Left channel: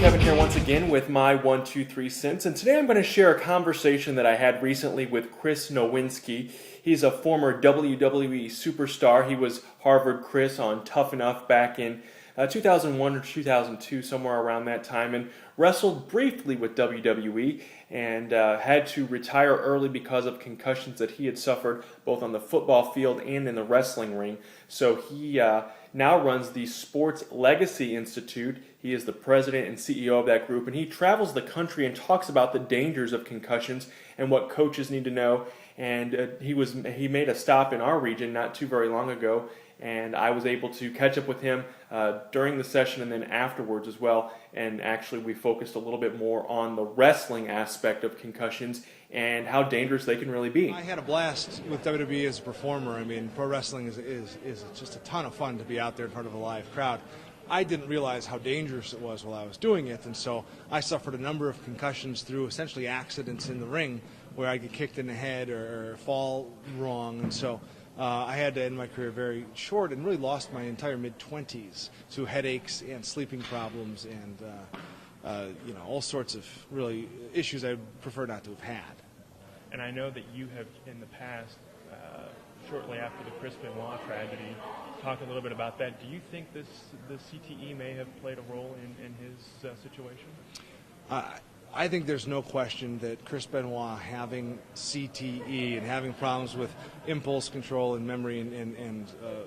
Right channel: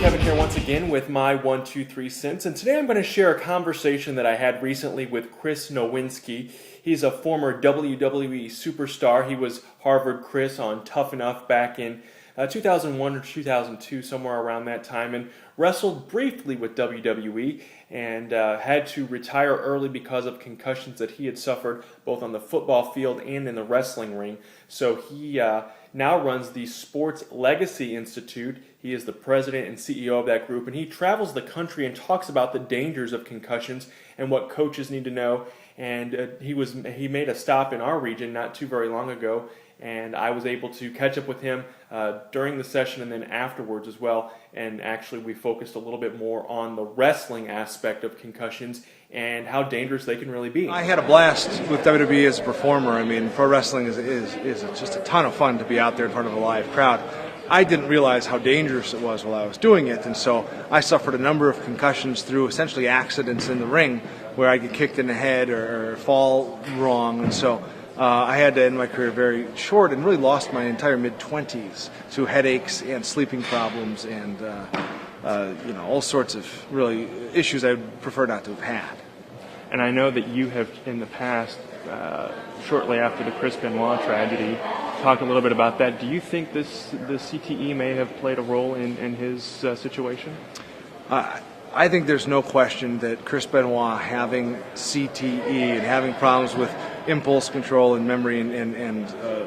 Kevin here once again with my 1, 2, 3 cents, and today I'm going to share a conversation that I had recently with Chris Nowinski. He's a former WWE Superstar. He was Harvard Chris on Tough Enough back in 2001 or 2002, somewhere around that time, and wrestled briefly with WWE and had to retire early because of concussions that he had suffered both on the football field and in the wrestling ring. So he now runs the Sports Legacy Institute. He is the president and CEO of that group, and he travels the country and talks about the dangers of concussions and what coaches need to know. And he made a stop in our region not too very long ago, and I was able to catch up with him during the session and then afterwards as well. And actually we focused a little bit more on the wrestling aspect of concussions and how dangerous they can really be. I had a blast with WWE as a performer. I mean, pro wrestling is just a ton of fun to be out there in front of a live crowd. I didn't realize how dangerous it was while I was doing it, and so I suffered a number of concussions through essentially accidents in the ring where I get kicked in the head or fall wrong, and so I had to end my career very short and really lost my entire mid-20s to headaches and sleeping problems and all sorts of really issues I would prefer not to have had. And I know that you have in the past, shortly after the Chris Benoit tragedy, talked a little bit about that. Do you think the CTE may have played a role in his situation? I think there's no question that Chris Benoit having CTE and having problems with impulse control and memory and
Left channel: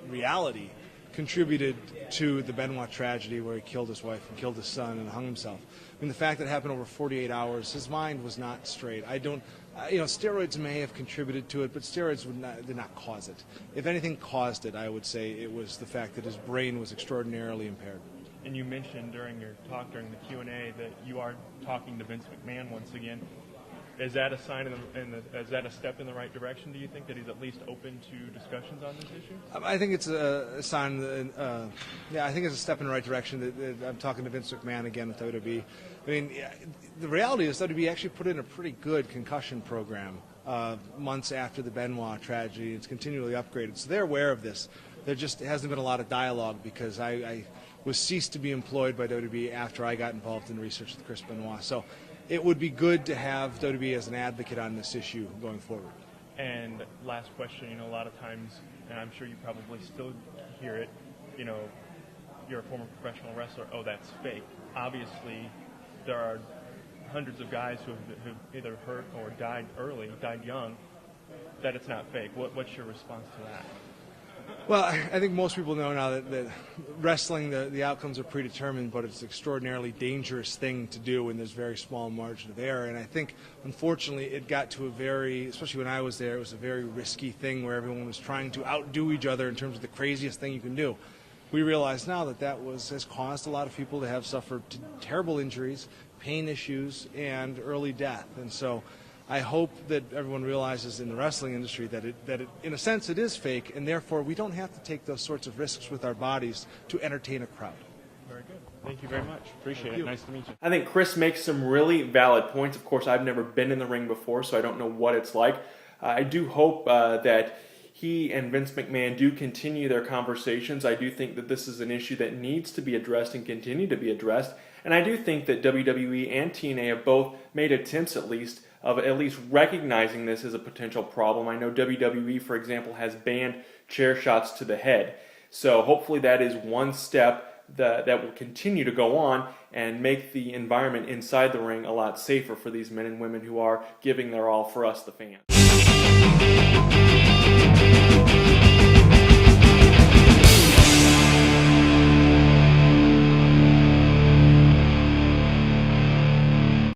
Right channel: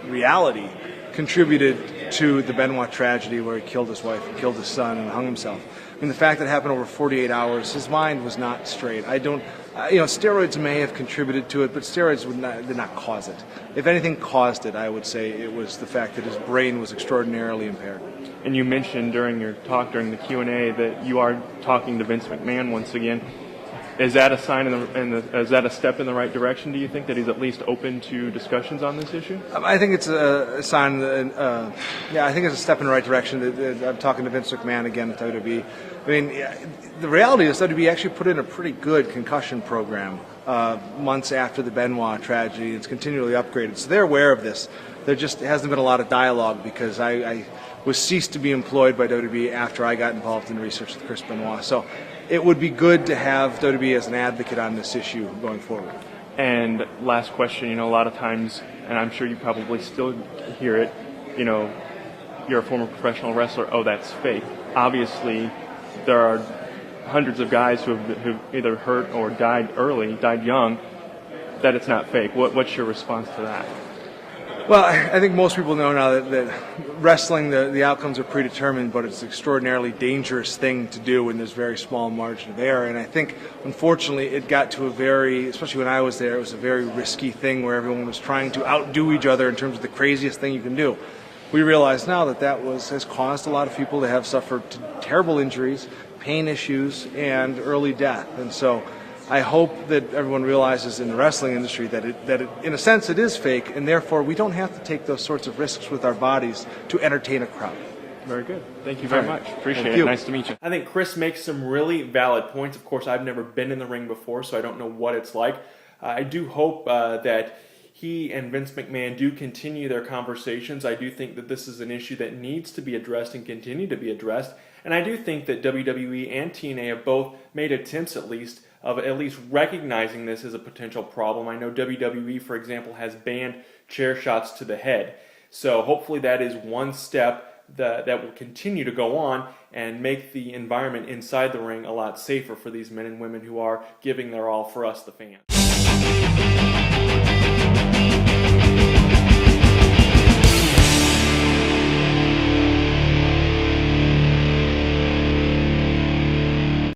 reality contributed to the Benoit tragedy where he killed his wife and killed his son and hung himself. I mean, the fact that it happened over 48 hours, his mind was not straight. Steroids may have contributed to it, but steroids did not cause it. If anything caused it, I would say it was the fact that his brain was extraordinarily impaired. And you mentioned during your talk, during the Q&A, that you are talking to Vince McMahon once again. Is that a sign is that a step in the right direction, do you think, that he's at least open to discussions on this issue? I think it's a sign, I think it's a step in the right direction. I'm talking to Vince McMahon again at WWE. I mean, the reality is WWE actually put in a pretty good concussion program months after the Benoit tragedy. It's continually upgraded. So they're aware of this. There just hasn't been a lot of dialogue because I was ceased to be employed by WWE after I got involved in research with Chris Benoit. So it would be good to have WWE as an advocate on this issue going forward. And last question, a lot of times, and I'm sure you probably still hear it, you're a former professional wrestler, oh, that's fake. Obviously, there are hundreds of guys who've either hurt or died young, that it's not fake. What's your response to that? Well, I think most people know now that wrestling, the outcomes are predetermined, but it's an extraordinarily dangerous thing to do when there's very small margin of error. And I think, unfortunately, it got to especially when I was there, it was a very risky thing where everyone was trying to outdo each other in terms of the craziest thing you can do. We realize now that has caused a lot of people to have suffered terrible injuries, pain issues, and early death. And so I hope that everyone realizes in the wrestling industry that in a sense, it is fake, and therefore we don't have to take those sorts of risks with our bodies to entertain a crowd. Very good. Thank you very much. Appreciate Thank it. you. Nice to meet you. I think Chris makes some really valid points. Of course, I've never been in the ring before, so I don't know what it's like. I do hope that he and Vince McMahon do continue their conversations. I do think that this is an issue that needs to be addressed and continue to be addressed. And I do think that WWE and TNA have both made attempts of at least recognizing this as a potential problem. I know WWE, for example, has banned chair shots to the head. So hopefully that is one step that will continue to go on and make the environment inside the ring a lot safer for these men and women who are giving their all for us, the fans.